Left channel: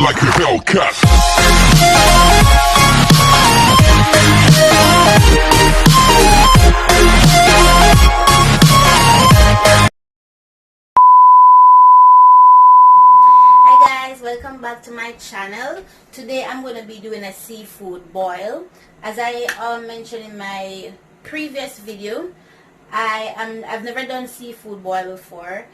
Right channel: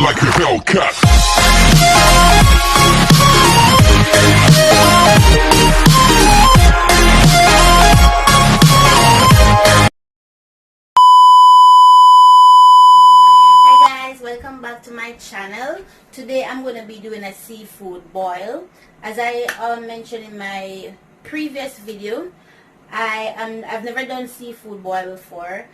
like a Hellcat. Hi guys, welcome back to my channel. Today I'm going to be doing a seafood boil. As I mentioned in my previous video, I've never done seafood boil before.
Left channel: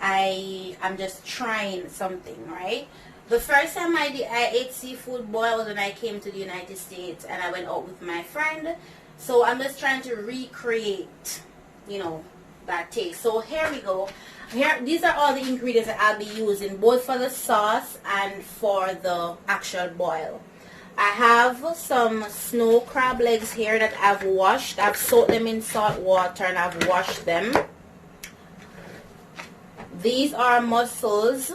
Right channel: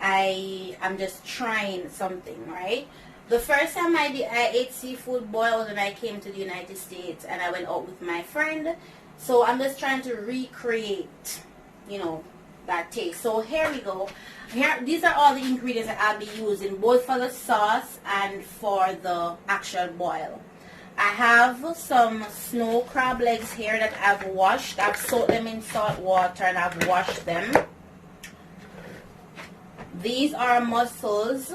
I'm just trying something, right? The first time I ate seafood boil was when I came to the United States and I went out with my friend. So I'm just trying to recreate, that taste. So here we go. These are all the ingredients that I'll be using, both for the sauce and for the actual boil. I have some snow crab legs here that I've washed. I've soaked them in salt water and I've washed them. These are mussels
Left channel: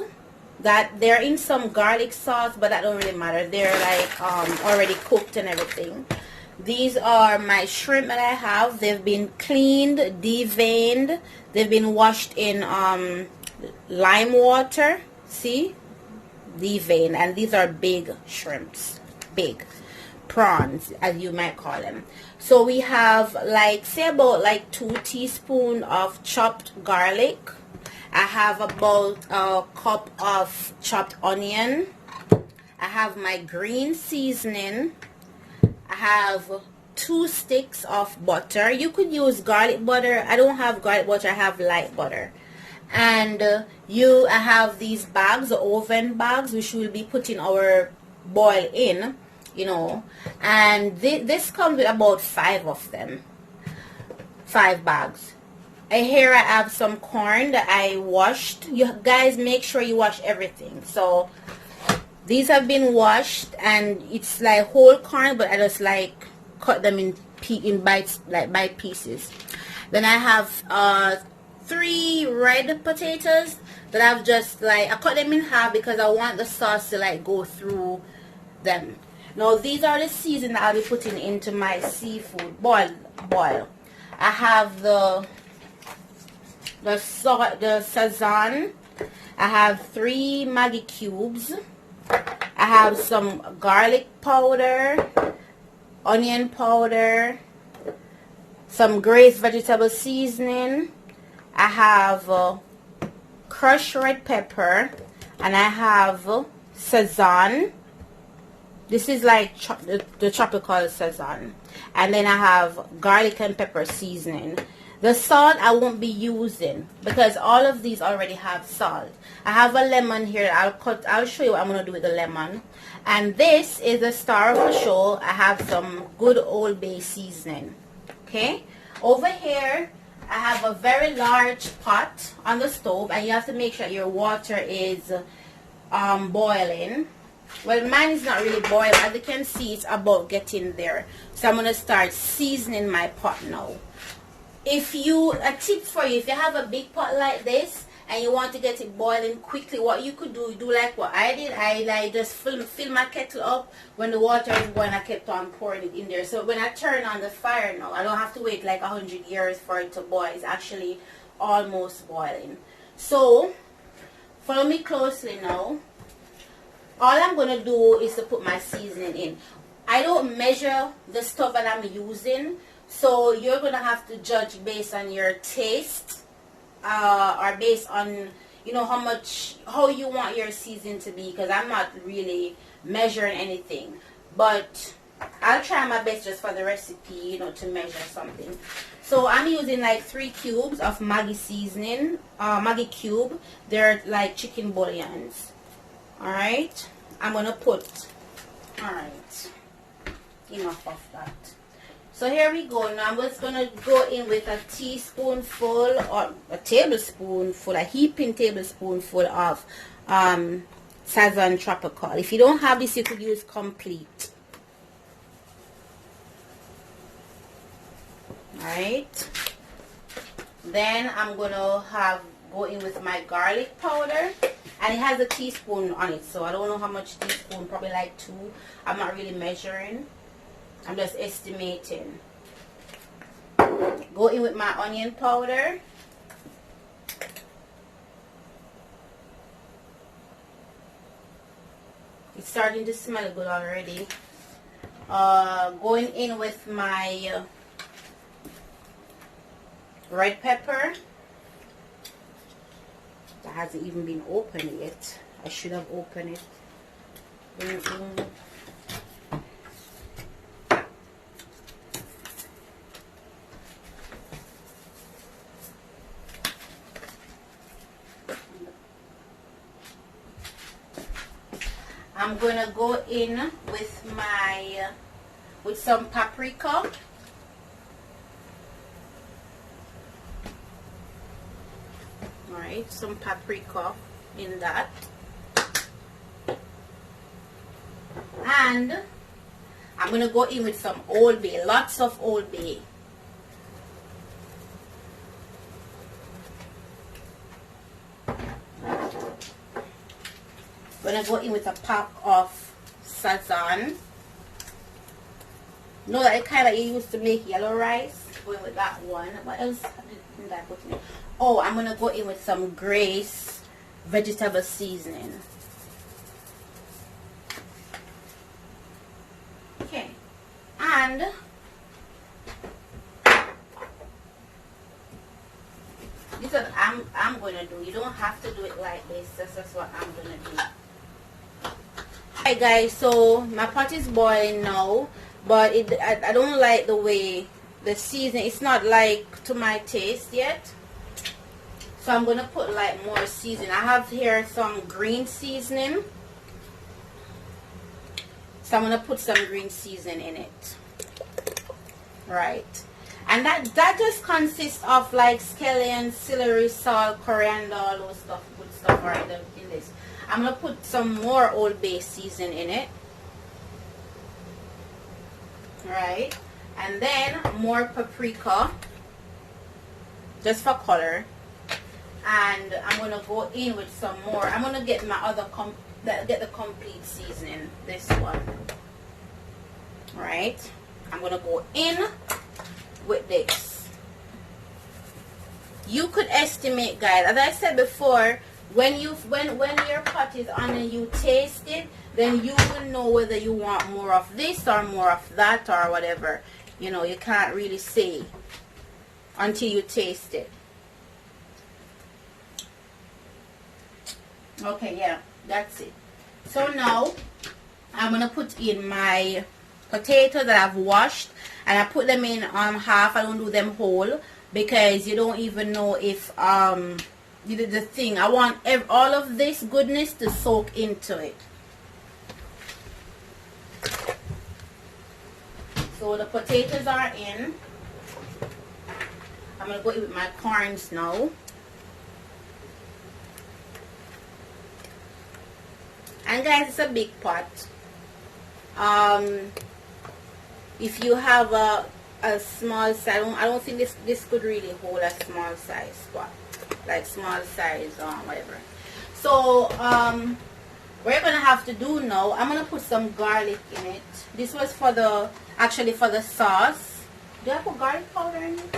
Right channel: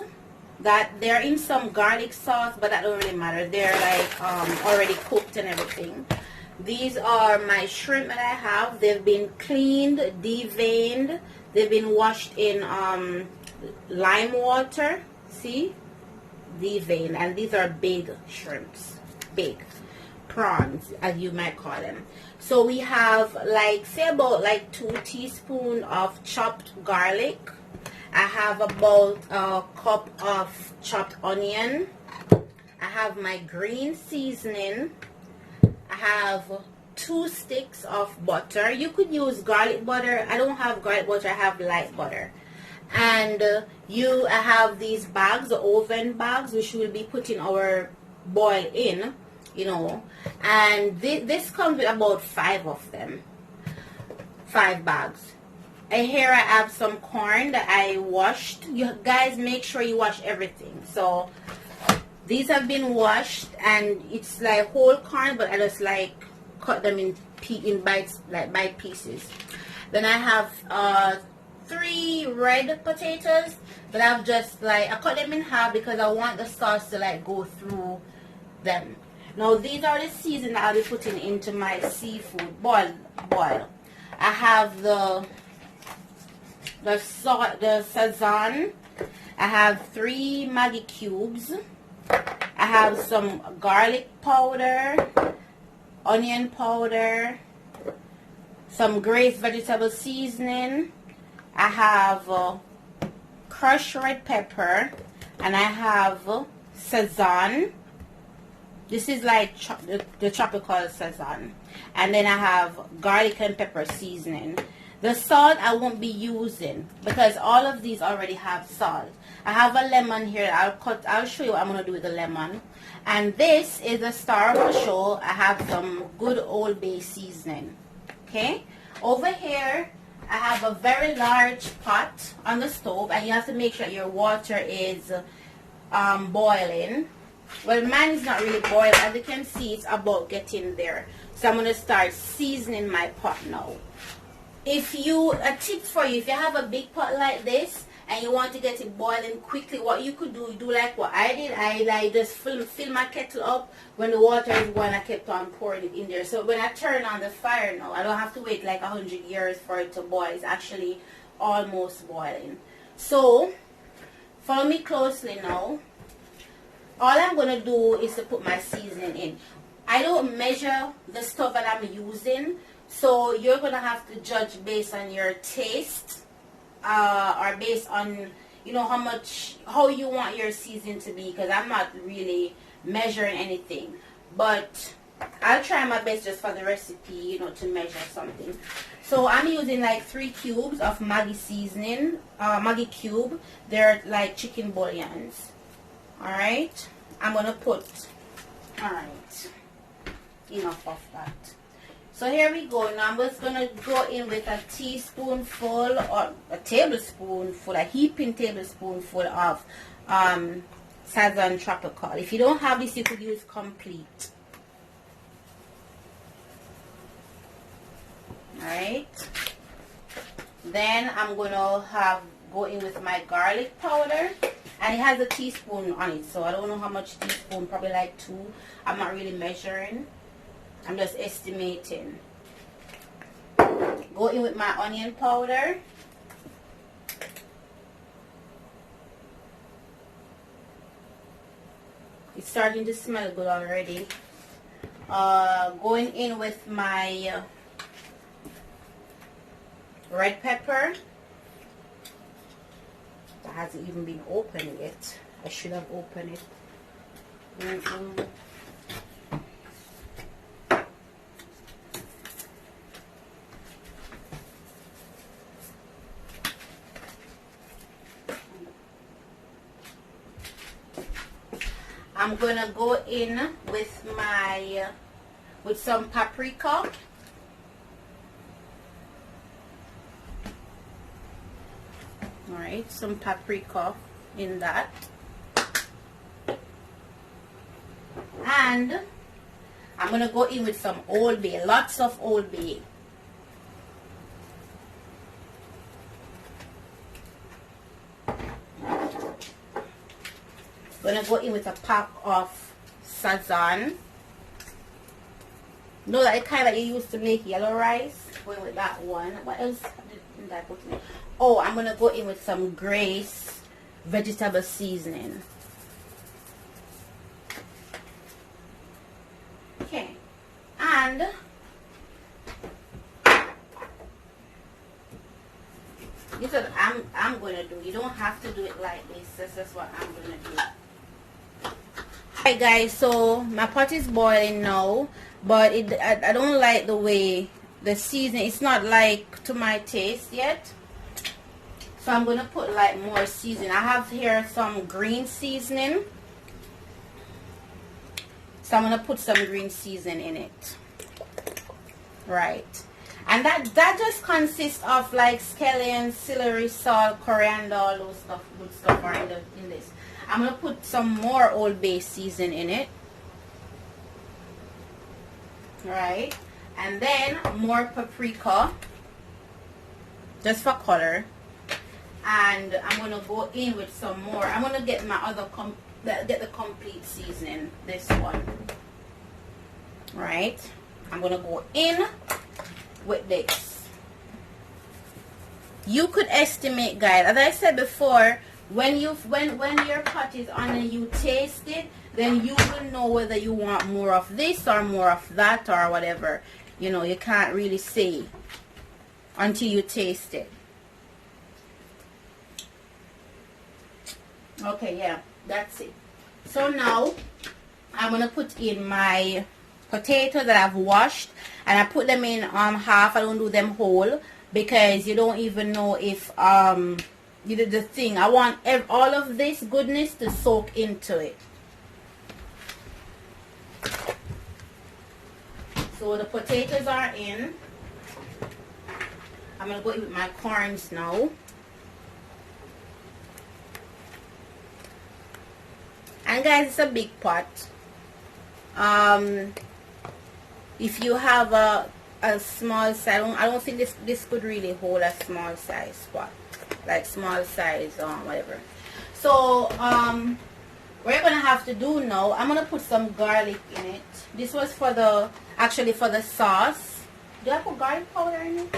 that they're in some garlic sauce, but that don't really matter. They're like already cooked and everything. These are my shrimp that I have. They've been cleaned, deveined. They've been washed in lime water. See? Deveined. And these are big shrimps. Big. Prawns, as you might call them. So we have say about 2 teaspoons of chopped garlic. I have about a cup of chopped onion. I have my green seasoning. I have 2 sticks of butter. You could use garlic butter. I don't have garlic butter. I have light butter. And I have these bags, the oven bags, which we'll be putting our boil in, And this comes with about 5 of them. 5 bags. And here I have some corn that I washed. You guys make sure you wash everything. So these have been washed and it's like whole corn, but I just cut them in bites, by pieces. Then I have 3 red potatoes that I've just I cut them in half because I want the sauce to go through them. Now these are the seasoning that I'll be putting into my seafood boil. I have the sazon. I have 3 Maggi cubes. I have some garlic powder, onion powder, some grated vegetable seasoning. I have crushed red pepper, and I have sazon. This is the tropical sazon. And then I have garlic and pepper seasoning. The salt I won't be using because all of these already have salt. I have a lemon here. I'll show you what I'm going to do with the lemon. And this is the star of the show. I have some good Old Bay seasoning. Okay. Over here, I have a very large pot on the stove. And you have to make sure your water is boiling. Well, mine is not really boiled. As you can see, it's about getting there. So I'm going to start seasoning my pot now. A tip for you, if you have a big pot like this and you want to get it boiling quickly, what you could do like what I did. I just fill my kettle up. When the water is boiling, I kept on pouring it in there. So when I turn on the fire now, I don't have to wait 100 years for it to boil. It's actually almost boiling. So follow me closely now. All I'm going to do is to put my seasoning in. I don't measure the stuff that I'm using. So you're going to have to judge based on your taste or based on, how you want your seasoning to be, because I'm not really measuring anything. But I'll try my best just for the recipe, to measure something. So I'm using 3 cubes of Maggi seasoning, Maggi cube. They're like chicken bouillons. Alright, I'm going to put, alright, enough of that. So here we go. Now I'm just going to go in with a teaspoonful or a tablespoonful, a heaping tablespoonful of Sazon Tropical. If you don't have this, you could use complete. Alright. Then I'm going to go in with my garlic powder. And it has a teaspoon on it. So I don't know how much teaspoon, probably 2. I'm not really measuring. I'm just estimating. Go in with my onion powder. It's starting to smell good already. Going in with my red pepper. That hasn't even been opened yet. I should have opened it. I'm gonna go in with my with some paprika. Alright, some paprika in that. And I'm gonna go in with some Old Bay, lots of Old Bay. Gonna go in with a pack of sazon. No, that kind of you used to make yellow rice. Going with that one. What else did I put in? Oh, I'm gonna go in with some Grace vegetable seasoning. Okay, and this is what I'm gonna do. You don't have to do it like this. This is what I'm gonna do. Alright guys, so my pot is boiling now, but I don't like the way the seasoning, it's not like to my taste yet. So I'm gonna put like more seasoning. I have here some green seasoning. So I'm gonna put some green seasoning in it. Right. And that just consists of like scallion, celery, salt, coriander, all those stuff, good stuff are in this. I'm gonna put some more Old Bay season in it. Right. And then more paprika, just for color. And I'm gonna go in with some more. I'm gonna get my other get the complete seasoning. This one. Right. I'm gonna go in with this. You could estimate, guys, as I said before, when your pot is on and you taste it, then you will know whether you want more of this or more of that or whatever. You know, you can't really say until you taste it. Okay, yeah, that's it. So now I'm gonna put in my potatoes that I've washed, and I put them in half. I don't do them whole because you don't even know if you did the thing. I want all of this goodness to soak into it. So the potatoes are in. I'm gonna go in with my corns now. And guys, it's a big pot. If you have a small size, I don't think this could really hold a small size pot, like small size whatever. So what you're gonna have to do now, I'm gonna put some garlic in it. This was for the for the sauce. Did I put garlic powder in it?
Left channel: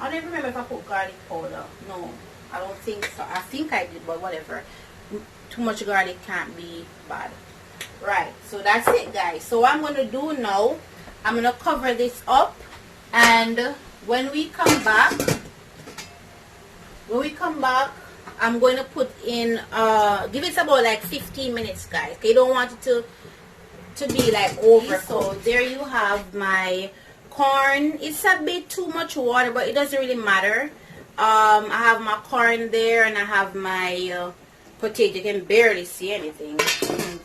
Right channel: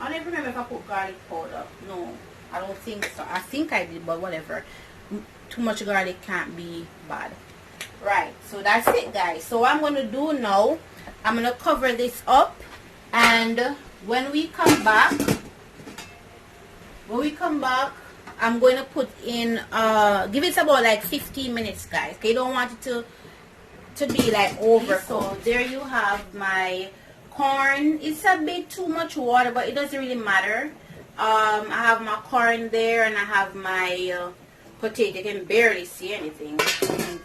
I don't even remember if I put garlic powder. No, I don't think so. I think I did, but whatever. Too much garlic can't be bad. Right, so that's it, guys. So what I'm going to do now, I'm going to cover this up, and when we come back, I'm going to put in, give it about like 15 minutes, guys. You don't want it to be like over. So there you have my corn. It's a bit too much water, but it doesn't really matter. I have my corn there, and I have my potato. You can barely see anything.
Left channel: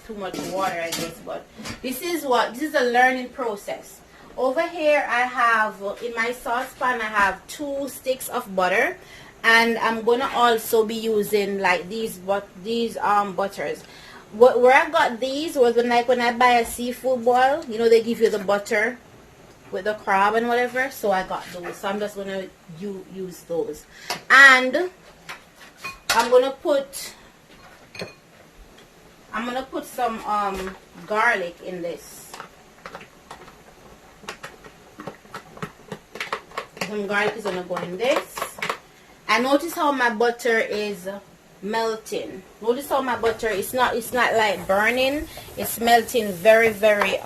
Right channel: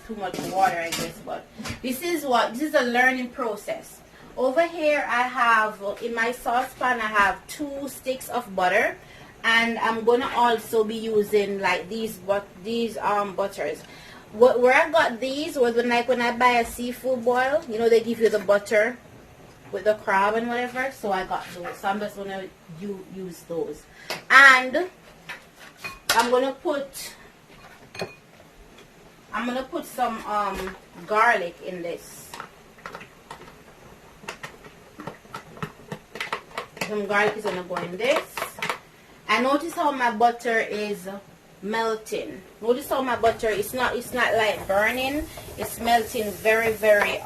Too much water, I guess, but this is a learning process. Over here I have, in my saucepan, I have 2 sticks of butter, and I'm gonna also be using like these butters. Where I got these was when I buy a seafood boil, you know, they give you the butter with the crab and whatever, so I got those. So I'm just gonna use those, and I'm gonna put some garlic in this. Some garlic is gonna go in this. And notice how my butter is melting. Notice how my butter, it's not like burning. It's melting very, very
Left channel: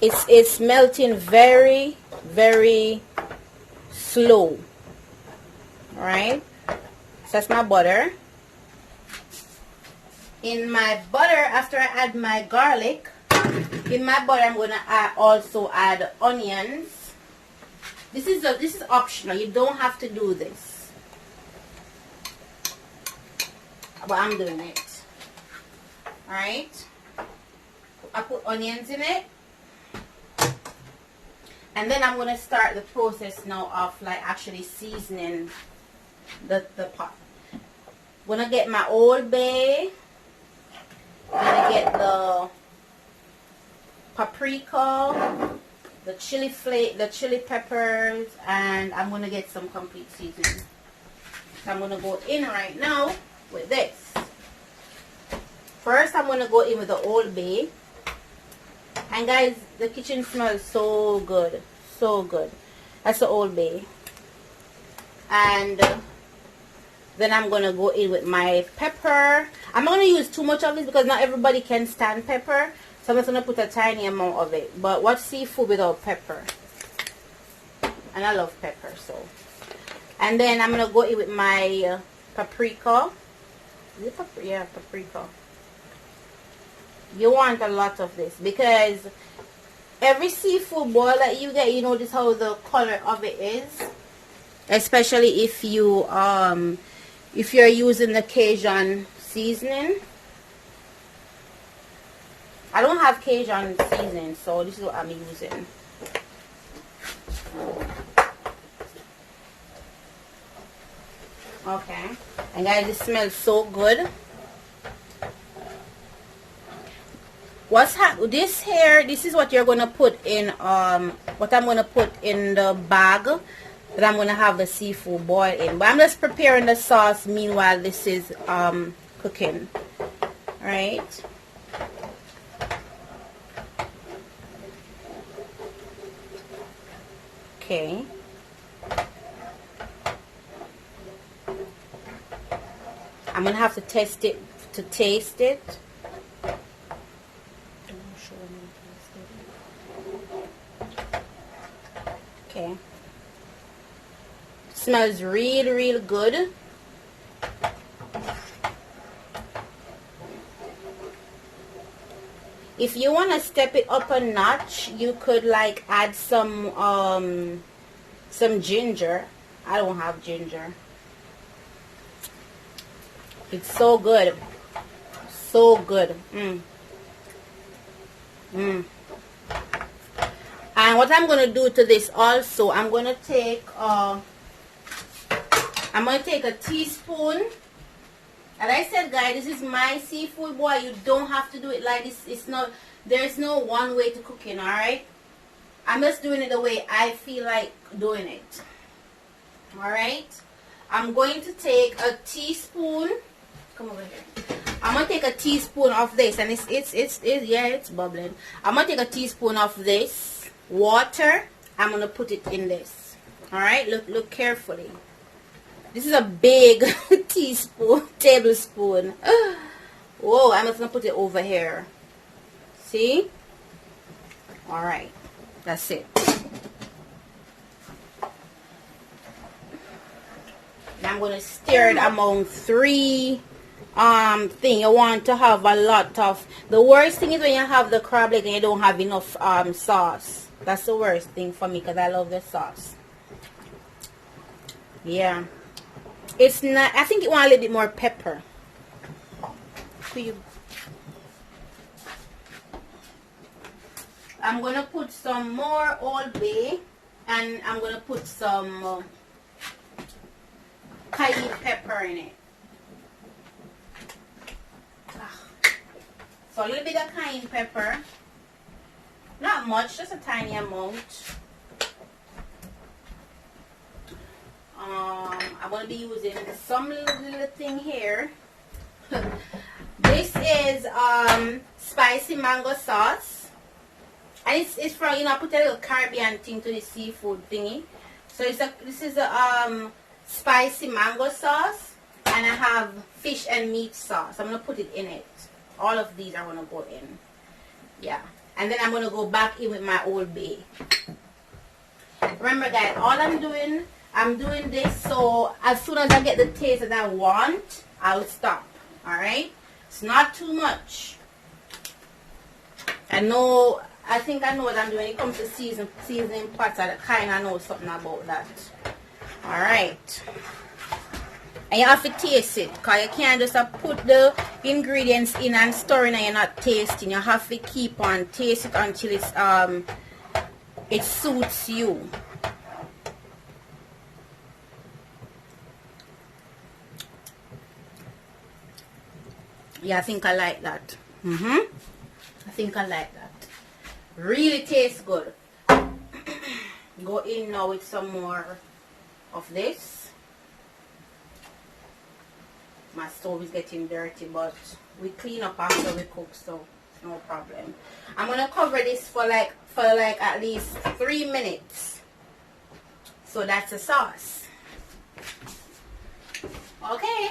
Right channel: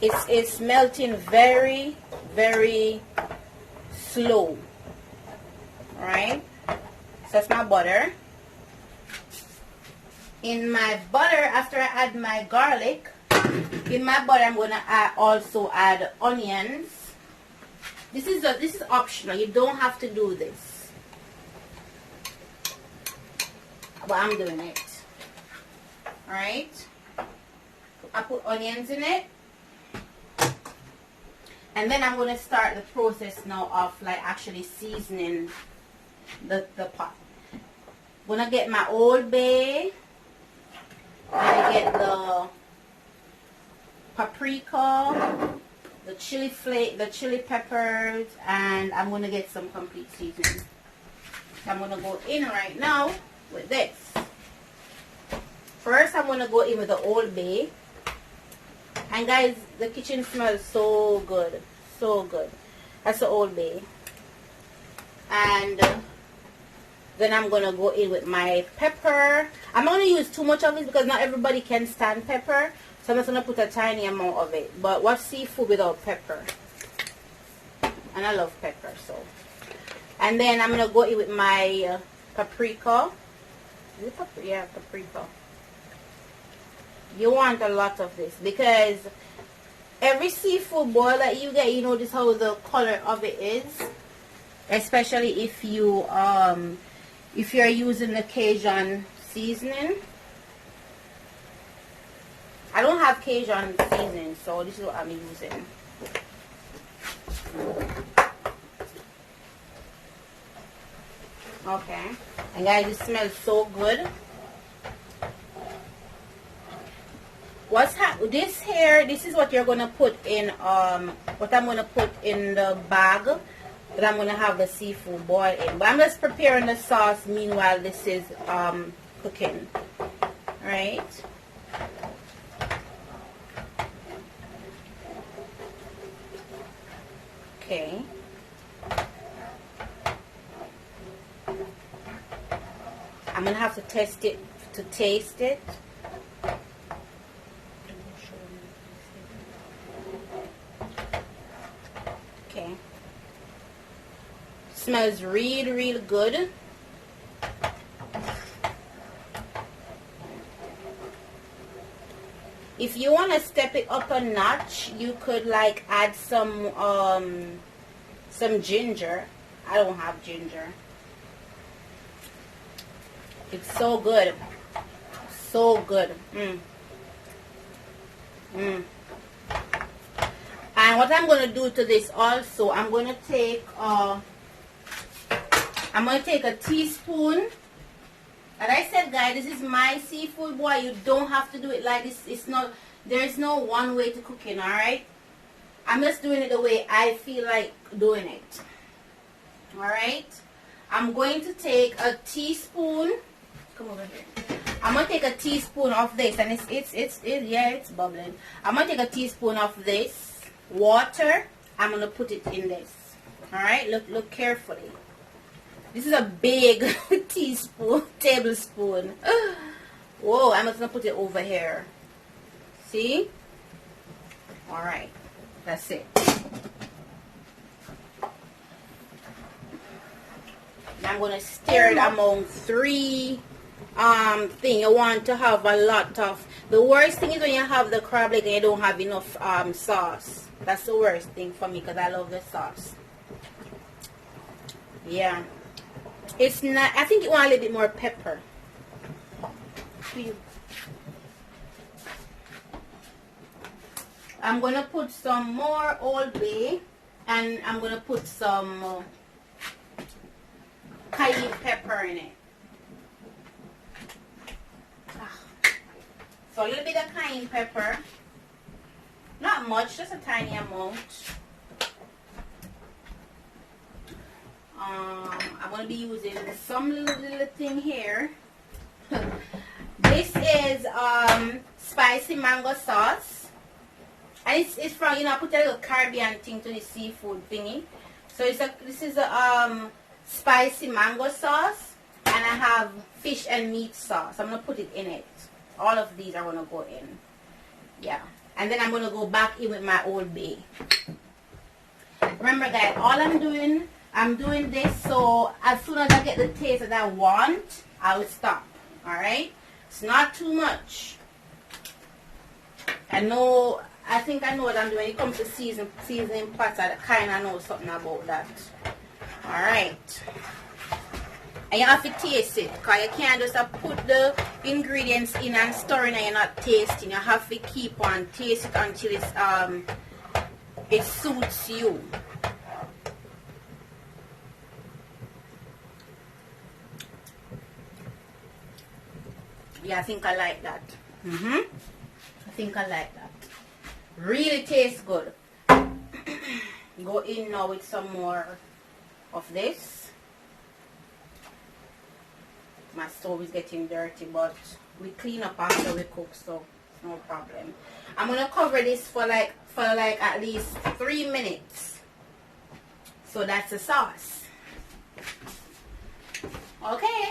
it's melting very, very slow. Alright, so that's my butter. In my butter, after I add my garlic, in my butter I'm gonna also add onions. This is optional. You don't have to do this, but I'm doing it. Alright, I put onions in it, and then I'm gonna start the process now of like actually seasoning the pot. I'm gonna get my Old Bay. I'm gonna get the paprika, the chili peppers, and I'm gonna get some complete seasoning. So I'm gonna go in right now with this. First, I'm gonna go in with the Old Bay. And guys, the kitchen smells so good, so good. That's the Old Bay. And then I'm gonna go in with my pepper. I'm not gonna use too much of this because not everybody can stand pepper. So I'm just gonna put a tiny amount of it. But what's seafood without pepper? And I love pepper, so. And then I'm gonna go in with my paprika. Is it paprika? Yeah, paprika. You want a lot of this because every seafood boil that you get, you notice how the color of it is. Especially if you're using the Cajun seasoning. I don't have Cajun seasoning, so this is what I'm using. Okay, and guys, it smells so good. This here, this is what you're gonna put in what I'm gonna put in the bag that I'm gonna have the seafood boil in. But I'm just preparing the sauce meanwhile this is cooking. Alright. Okay. I'm gonna have to taste it to taste it. Okay. Smells really, really good. If you want to step it up a notch, you could like add some ginger. I don't have ginger. It's so good. So good. And what I'm going to do to this also, I'm going to take a teaspoon. And I said, guys, this is my seafood boy. You don't have to do it like this. It's not, there's no one way to cook it, alright? I'm just doing it the way I feel like doing it. Alright? I'm going to take a teaspoon. Come over here. I'm going to take a teaspoon of this. And it's bubbling. I'm going to take a teaspoon of this water. I'm going to put it in this. Alright? Look carefully. This is a big tablespoon. Whoa, I'm just going to put it over here. See? Alright. That's it. Now I'm going to stir it among 3 thing. You want to have a lot of... The worst thing is when you have the crab leg and you don't have enough sauce. That's the worst thing for me because I love the sauce. Yeah. It's not... I think it want a little bit more pepper. I'm going to put some more Old Bay. And I'm going to put some cayenne pepper in it. So a little bit of cayenne pepper. Not much, just a tiny amount. I'm going to be using some little thing here. This is spicy mango sauce. And it's from, you know, I put a little Caribbean thing to the seafood thingy. So this is a spicy mango sauce, and I have fish and meat sauce. I'm going to put it in it. All of these are going to go in. Yeah. And then I'm going to go back in with my Old Bay. Remember guys, all I'm doing this so as soon as I get the taste that I want, I'll stop. Alright? It's not too much. I think I know what I'm doing. When it comes to seasoning pots, I kind of know something about that. Alright. And you have to taste it, because you can't just put the ingredients in and stir in and you're not tasting. You have to keep on tasting until it suits you. Yeah, I think I like that. I think I like that. Really tastes good. Go in now with some more of this. My stove is getting dirty, but we clean up after we cook, so no problem. I'm gonna cover this for like at least 3 minutes. So that's the sauce. Okay.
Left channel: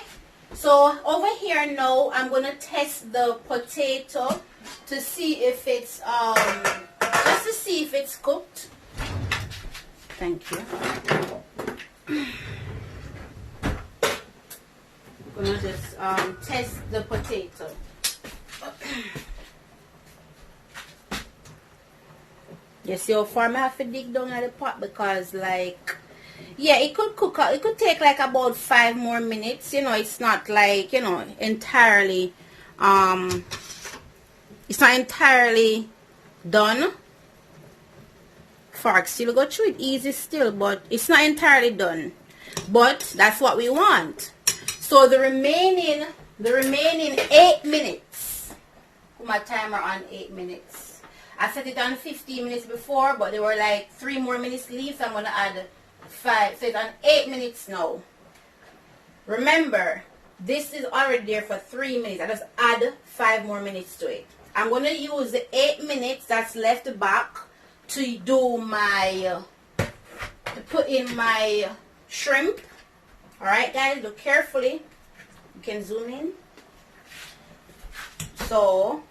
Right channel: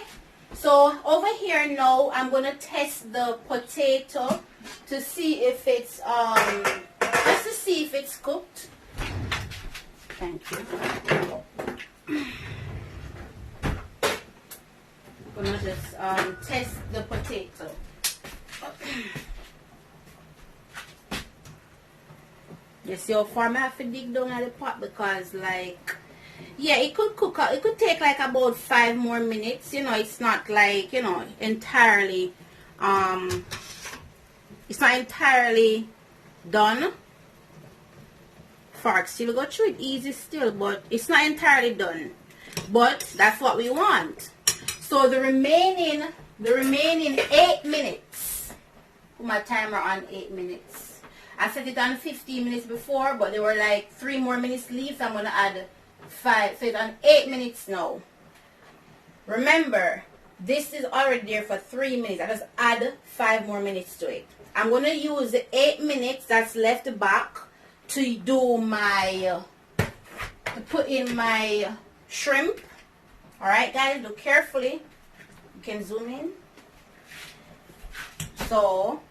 So over here now, I'm gonna test the potato to see if it's just to see if it's cooked. Thank you. I'm gonna just test the potato. You see how far I have to dig down at the pot, because like, yeah, it could cook. It could take like about 5 more minutes. You know, it's not like, you know, entirely. It's not entirely done. Fork still go through it easy still, but it's not entirely done. But that's what we want. So the remaining 8 minutes. Put my timer on 8 minutes. I set it on 15 minutes before, but there were like 3 more minutes left. So I'm gonna add 5. So it's on 8 minutes now. Remember, this is already there for 3 minutes. I just add 5 more minutes to it. I'm gonna use the 8 minutes that's left back to do my to put in my shrimp. Alright guys, look carefully. You can zoom in. So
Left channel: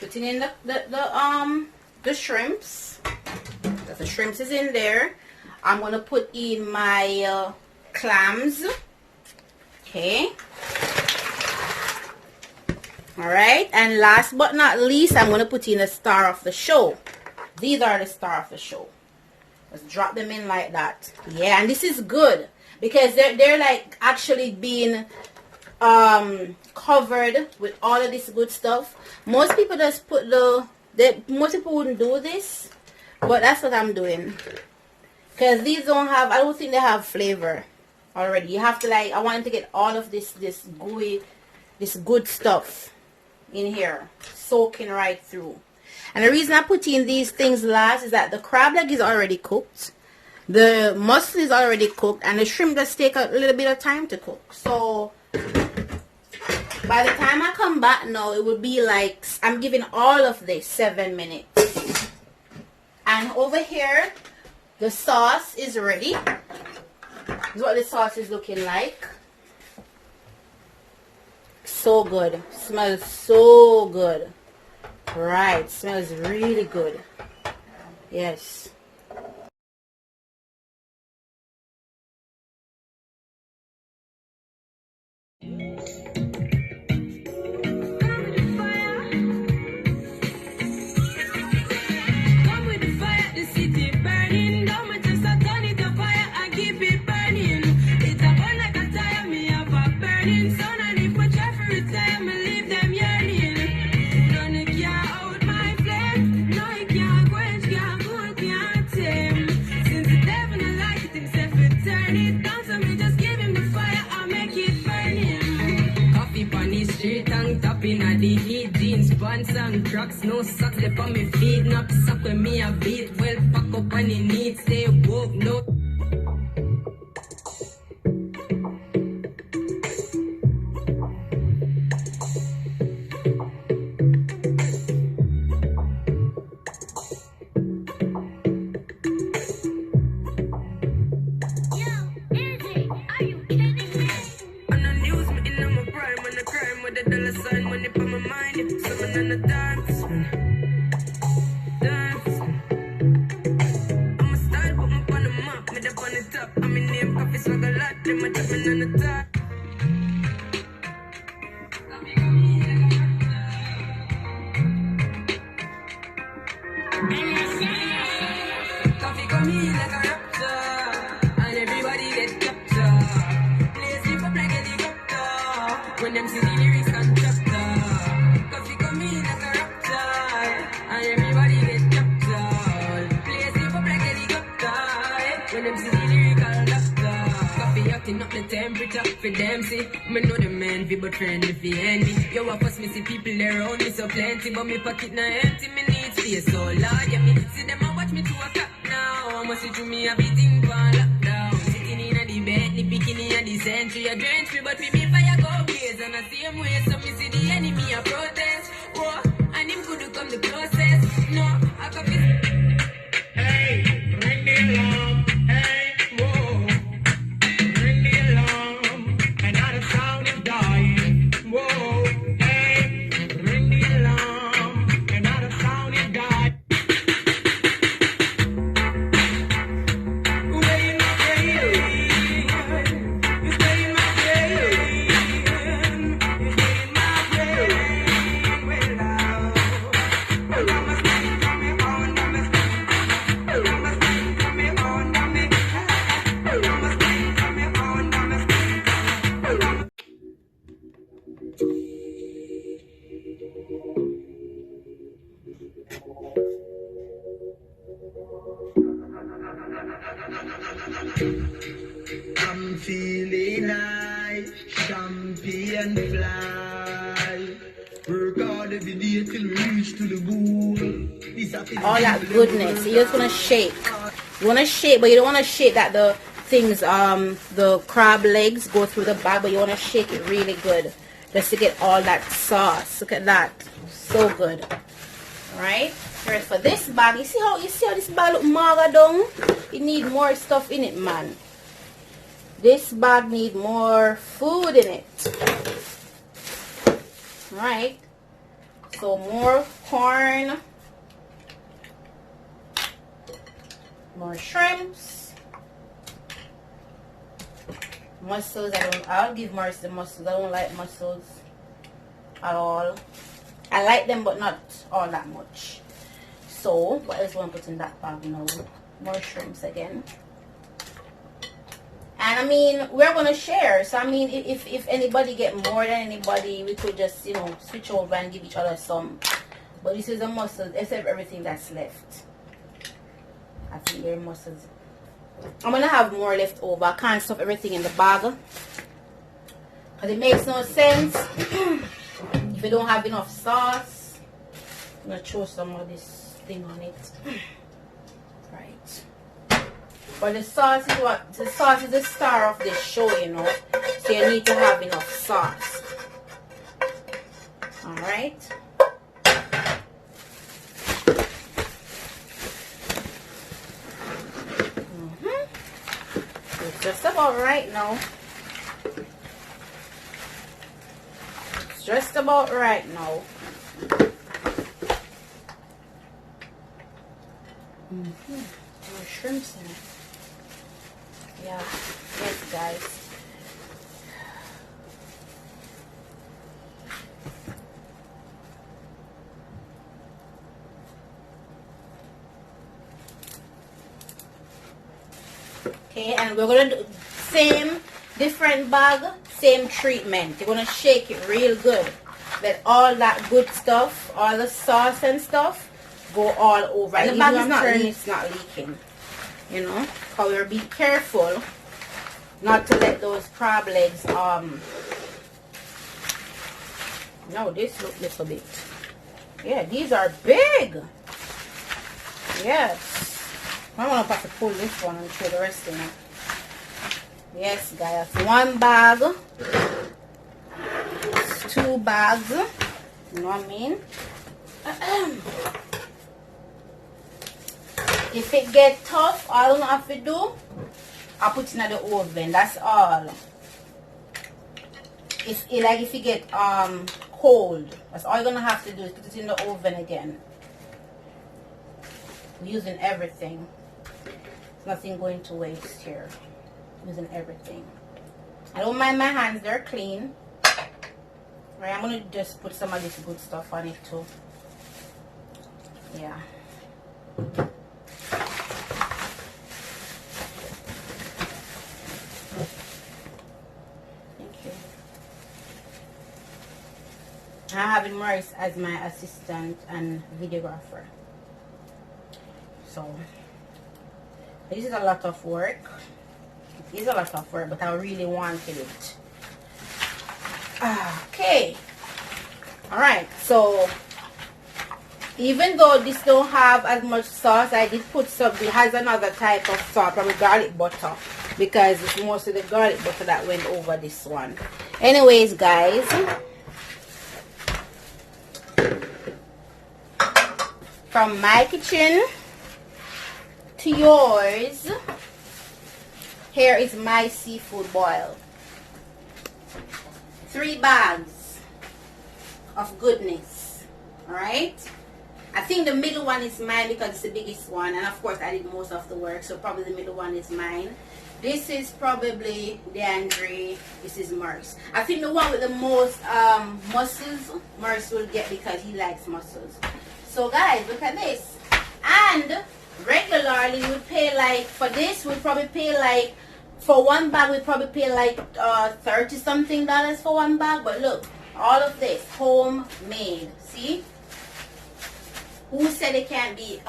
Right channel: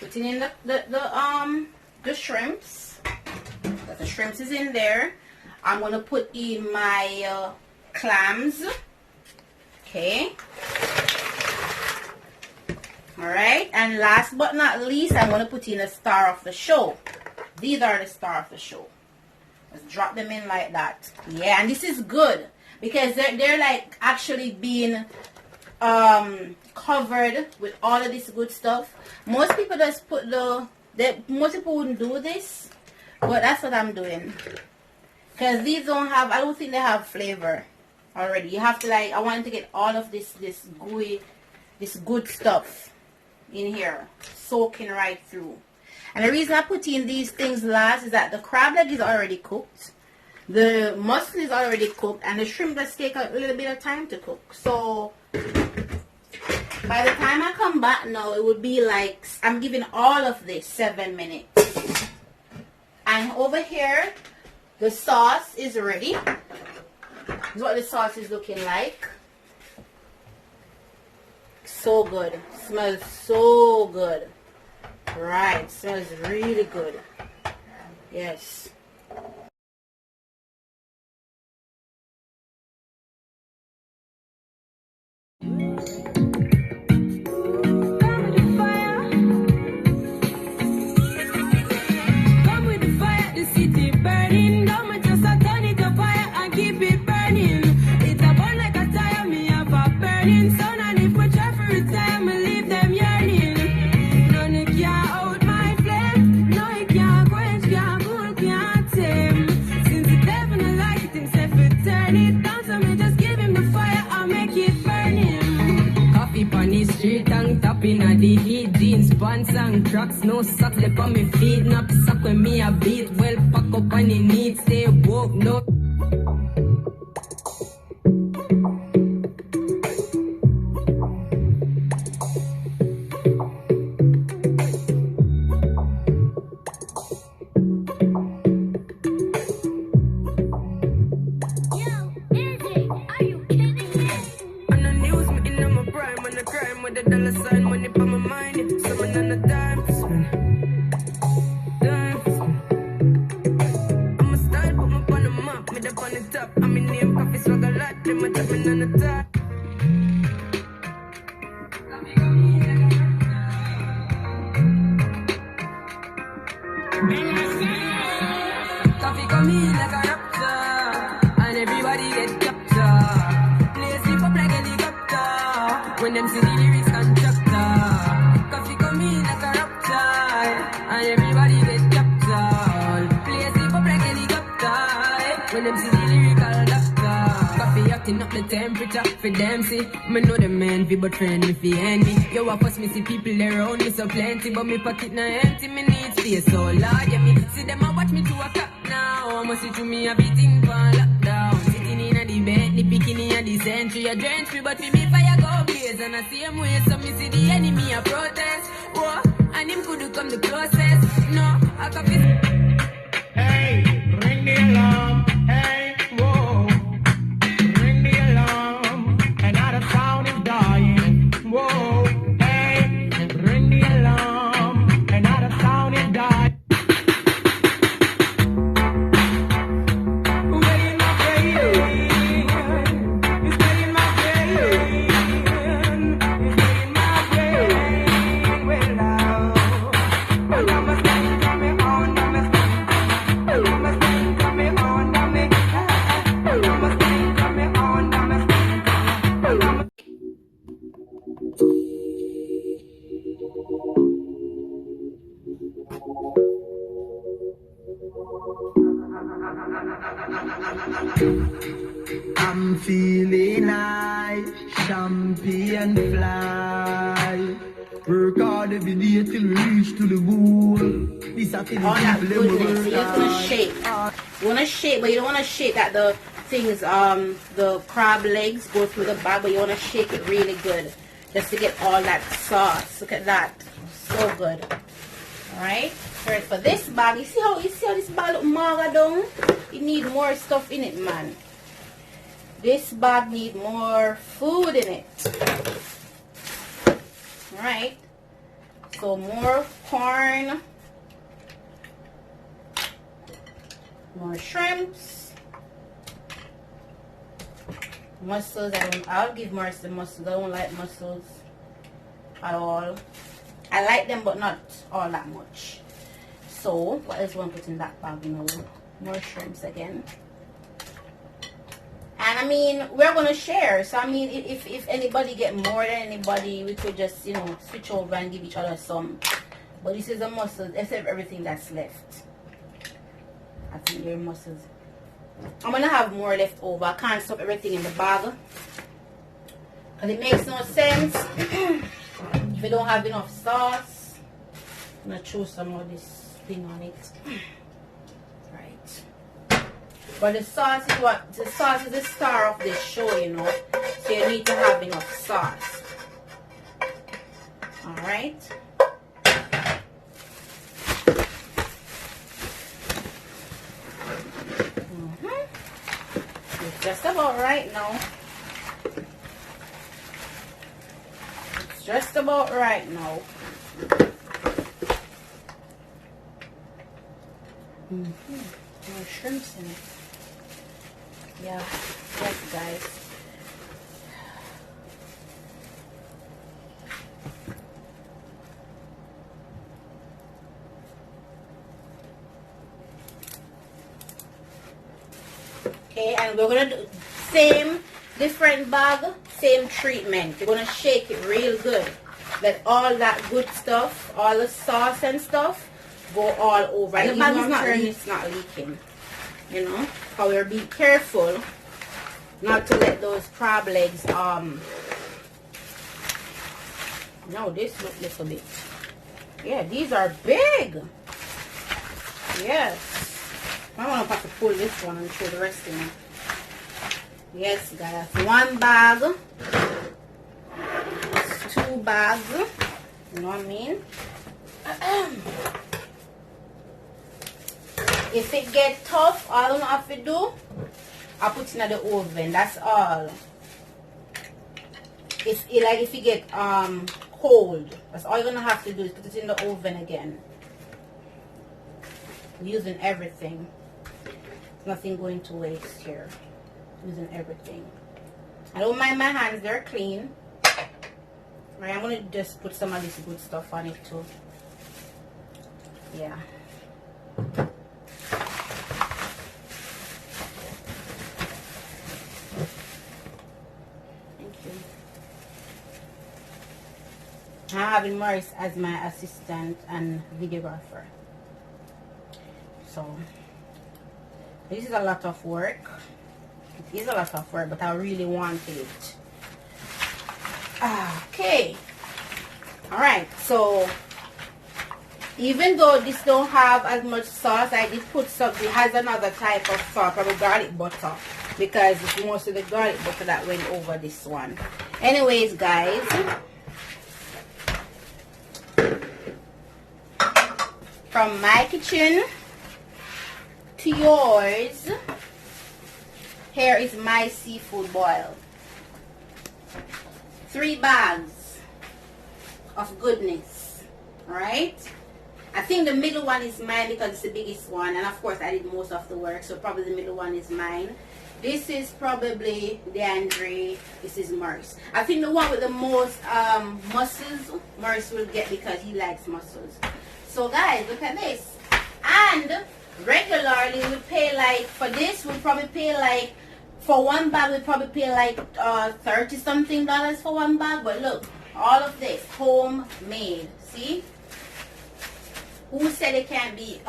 putting in the shrimps. The shrimps is in there. I'm gonna put in my clams. Okay. Alright, and last but not least, I'm gonna put in a star of the show. These are the star of the show. Let's drop them in like that. Yeah, and this is good because they're like actually being covered with all of this good stuff. Most people just put most people wouldn't do this, but that's what I'm doing. Because these don't have, I don't think they have flavor already. You have to like, I want to get all of this gooey, this good stuff in here, soaking right through. And the reason I put in these things last is that the crab leg is already cooked, the mussel is already cooked, and the shrimp just take a little bit of time to cook. So by the time I come back now, it will be like, I'm giving all of this 7 minutes. And over here, the sauce is ready. This is what the sauce is looking like. So good. Smells so good. Right, smells really good. Yes. And tracks, no socks, they on me feet, knock suck when me a beat, well pack up on the needs, stay woke, no. Yo, music. it on my mind. If someone on the dance, dance. I'm a style, put me on the map, me up on the top. I'm in name, coffee swag a lot, them a chat me on the top. Coffee come in like a raptor, and everybody get captured. Play sleep up like a helicopter, when them see the lyrics and chapter. Coffee come in like a raptor, and everybody get captured. Play sleep up like a helicopter, when them see the lyrical doctor. Coffee acting up the temperature for them see. Me know them envy, but friend if he envy. Yo, I first me see people around me so plenty, but me pocket not empty. Me need space so large, yeah, me see them a watch me to a cop now. Must see to me a beating for lockdown. Sitting in a the bed, the beginning of the century. I drench me, but in me fire go blaze. And the same way, so me see the enemy a protest. Whoa, and him could come the process. No, I can be. Hey, ring the alarm. Hey, whoa, ring the alarm. Another sound is dying. Whoa, hey, ring the alarm. Another sound is dying. I'm feeling high, champion fly. Work hard every day till we reach to the goal. This I feel all that goodness. You just wanna shake. You wanna shake, but you don't wanna shake that the things, the crab legs go through the bag, but you wanna shake it really good. Just to get all that sauce. Look at that. So good. Alright? Alright, for this bag, you see how this bag look maga down? It need more stuff in it, man. This bag need more food in it. Alright. So more corn. More shrimps. Mussels. I'll give Morris the mussels. I don't like mussels at all. I like them, but not all that much. So, what else we want to put in that bag now? More shrimps again. And I mean, we're going to share. So, I mean, if anybody get more than anybody, we could just, you know, switch over and give each other some. But this is a mussel, except everything that's left. I think they're mussels. I'm going to have more left over. I can't stuff everything in the bag. Because it makes no sense. If you don't have enough sauce, I'm going to throw some of this thing on it. Right. But the sauce is what? The sauce is the star of this show, you know. So you need to have enough sauce. Alright. It's just about right now. It's just about right now. More shrimps in it. Yeah, yes guys. Okay, and we're gonna do same different bag, same treatment. You're gonna shake it real good. Let all that good stuff, all the sauce and stuff, go all over. And the bag is not it's not leaking. You know, however, be careful not to let those crab legs no, this look a little bit. Yeah, these are big. Yes. I want to have to pull this one and show the rest of them. Yes, guys. One bag. It's 2 bags. You know what I mean? If it get tough, all I have to do, I put it in the oven. That's all. If you get cold. That's all you're gonna have to do is put it in the oven again. Using everything. Nothing going to waste here. Using everything. I don't mind my hands, they're clean. Right, I'm gonna just put some of this good stuff on it too. Yeah. I'm having Maurice as my assistant and videographer. So this is a lot of work. It is a lot of work, but I really wanted it. Okay. Alright, so even though this don't have as much sauce, I did put some. It has another type of sauce, probably garlic butter, because it's most of the garlic butter that went over this one. Anyways, guys, from my kitchen to yours, here is my seafood boil. 3 bags of goodness. Alright, I think the middle one is mine because it's the biggest one, and of course I did most of the work, so probably the middle one is mine. This is probably DeAndre. This is Maurice. I think the one with the most mussels, Maurice will get because he likes mussels. So guys, look at this. And regularly we pay like, for this we probably pay like, for 1 bag we probably pay like $30 something for 1 bag. But look, all of this homemade. See? Who said they can't be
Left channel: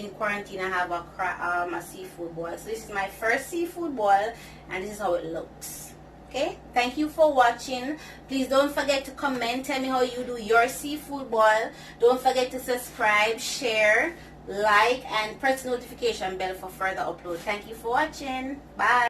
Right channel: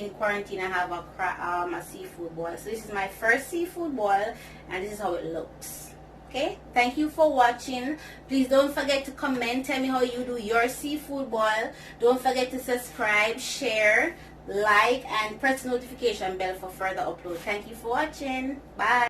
in quarantine and have a seafood boil? So this is my first seafood boil, and this is how it looks. Okay, thank you for watching. Please don't forget to comment, tell me how you do your seafood boil. Don't forget to subscribe, share, like, and press the notification bell for further upload. Thank you for watching. Bye.